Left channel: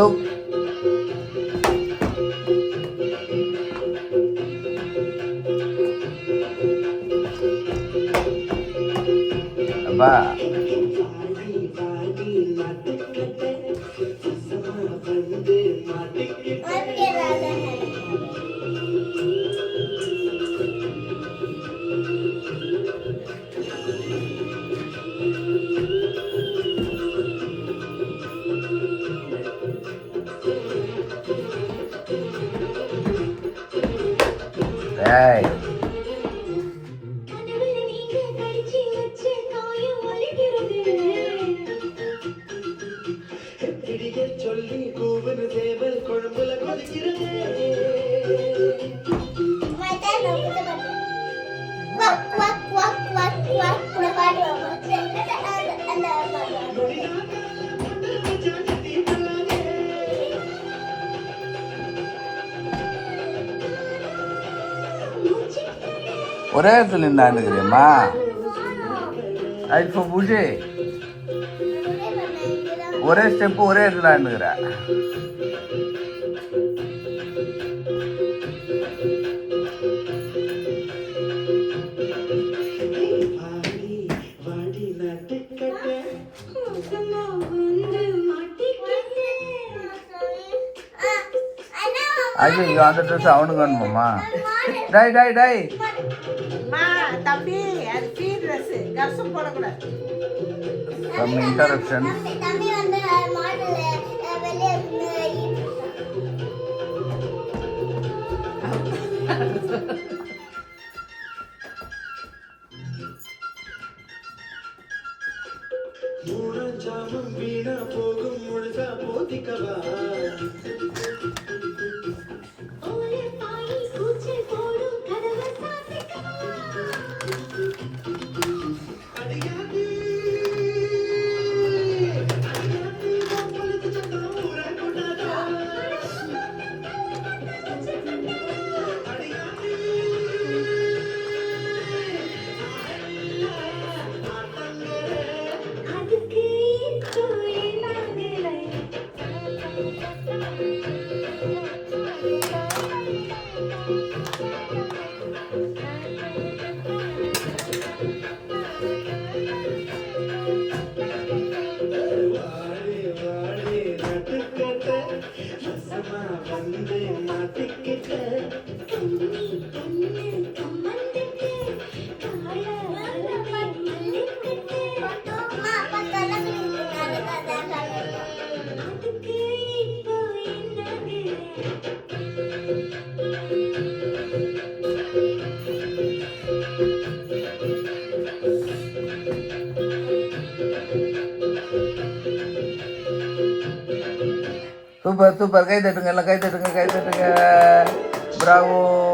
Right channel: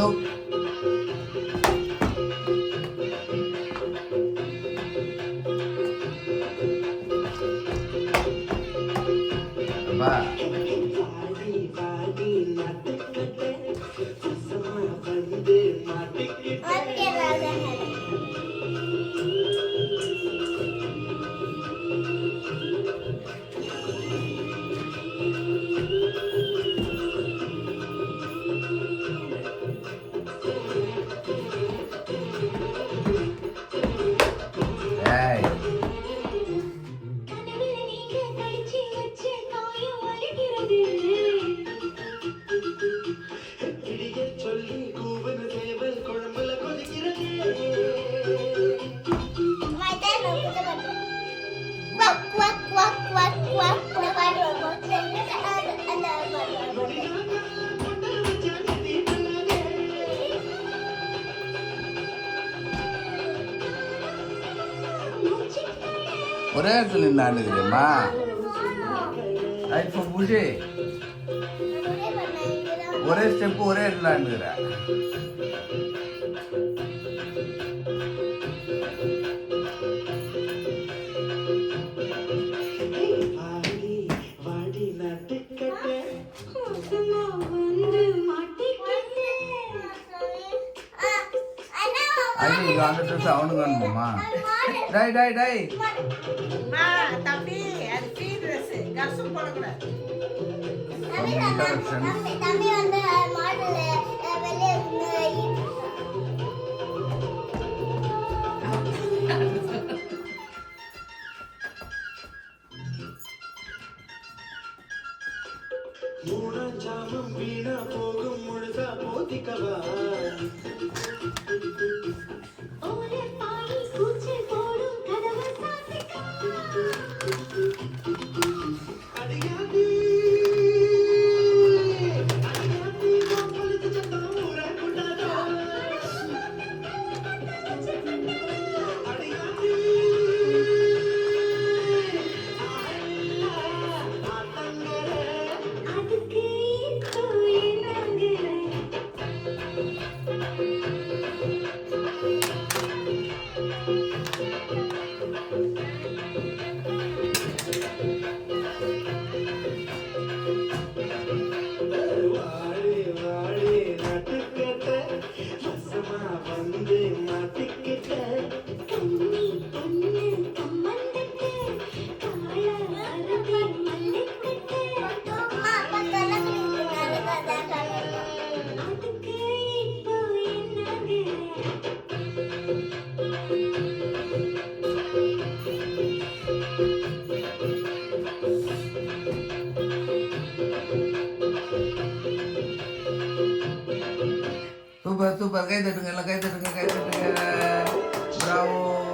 tutup. Apa? Hey. ஒரே இடத்துல நின்று தெரியுமா? இப்போ பூஜை ஒரே ஸ்டெப்பு ஒரே இடத்துல ஆண்டுகிறா. ஐயோ இங்கே அந்த ட்ரெஸ் அவனுக்கு வேணுமாம்மா? டை டை டை தம்பி அது ஃப்ரீ ட்ரெஸ் கசம் போடக்கூடாது. இன்டரப்ஷன். ஜாமம் வீணா போகும் முழுதா போதிக்கவா சூப்பர் சூப்பர். கை தட்டுங்க, எல்லாம் கை தட்டுங்க, கை தட்டுங்க. பிராவோ.